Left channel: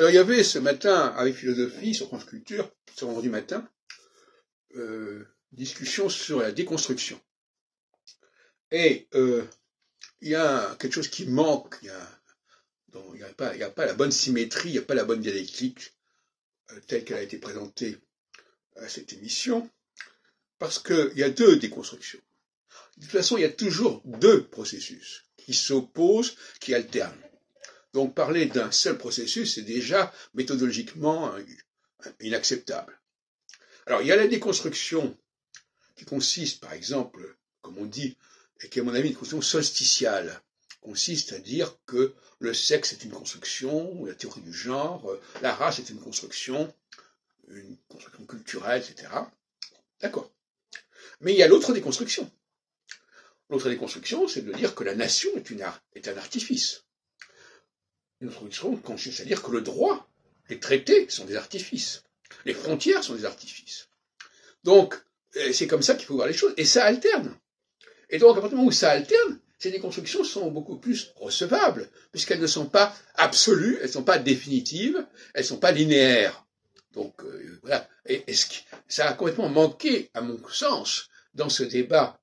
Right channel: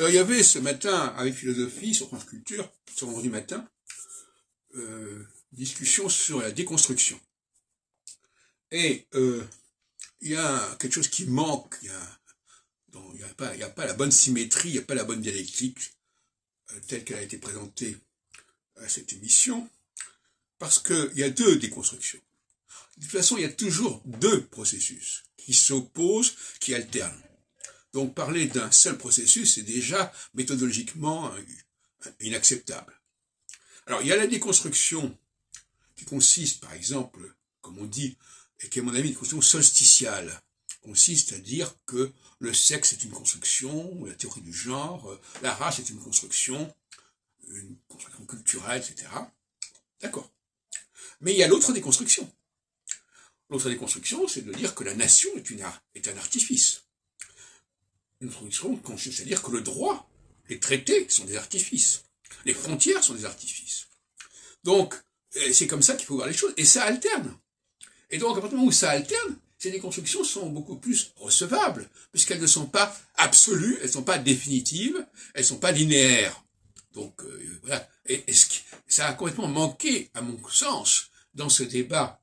Alors, il y avait ce matin, avec Philosophie, sur France Culture, ce vendredi matin, discussion sur la déconstruction. Et il y a quelque chose qui manque, il n'y a pas la bonne symétrie, il n'y a pas la bonne dialectique telle qu'elle a été présentée à cette émission, parce qu'il y a deux déconstructions. De toute façon, il y a toujours deux processus qui s'opposent, qui alternent. Donc parler d'un seul processus, c'est déjà méthodologiquement inacceptable. Alors il y a la déconstruction qui consiste, par exemple, comme on dit, et qui est à mon avis une construction solsticiale, consiste à dire que le sexe est une construction, la théorie du genre, la race est une construction culturelle, etc. D'accord. Mais il y a l'autre déconstruction. L'autre déconstruction, c'est de dire que la nation est un artifice. Une déconstruction consiste à dire que le droit, les traités sont des artifices. Les frontières sont des artifices. Donc, c'est comme ça qu'il faut voir les choses. Et ça alterne. Et donc, à partir du moment où ça alterne, ces déconstructions sont beaucoup plus recevables, puisqu'elles ne sont pas absolues, elles ne sont pas définitives, elles ne sont pas linéaires. Donc, voilà. Et ça a complètement manqué, à mon sens, dans ce débat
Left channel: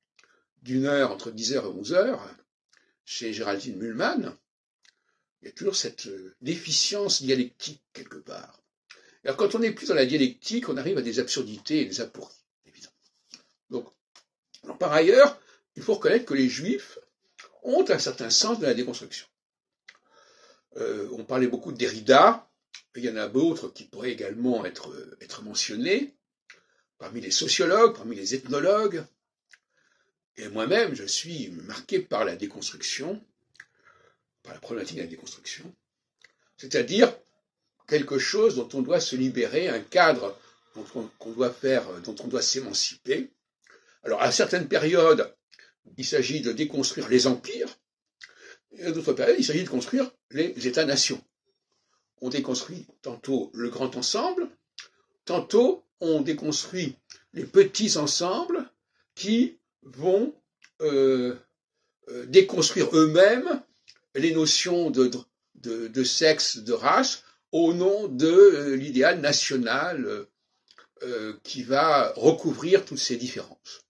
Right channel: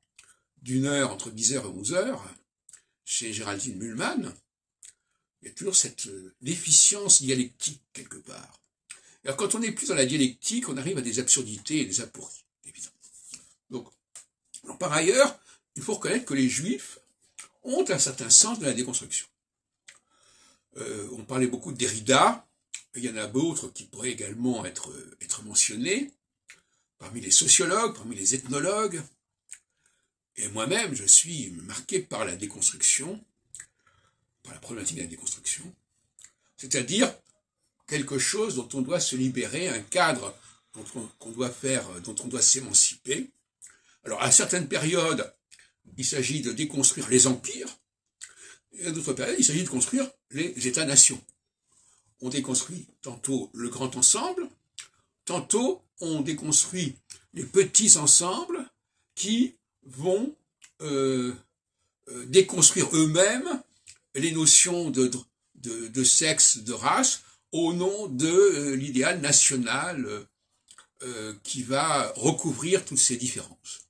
d'une heure, entre 10h et 11h, chez Géraldine Mühlmann. Il y a toujours cette déficience dialectique, quelque part. Alors, quand on n'est plus dans la dialectique, on arrive à des absurdités et des apories, évidemment. Donc, alors, par ailleurs, il faut reconnaître que les Juifs ont un certain sens de la déconstruction. On parlait beaucoup de Derrida, il y en a d'autres qui pourraient également être mentionnés, parmi les sociologues, parmi les ethnologues. Et moi-même, je suis marqué par la déconstruction, par la problématique de la déconstruction, c'est-à-dire quelque chose dont on doit se libérer, un cadre dont on doit s'émanciper. Alors, à certaines périodes, il s'agit de déconstruire les empires, et à d'autres périodes, il s'agit de construire les États-nations. On déconstruit tantôt le grand ensemble, tantôt on déconstruit les petits ensembles qui vont déconstruire eux-mêmes les notions de sexe, de race, au nom de l'idéal national qui va recouvrir toutes ces différences.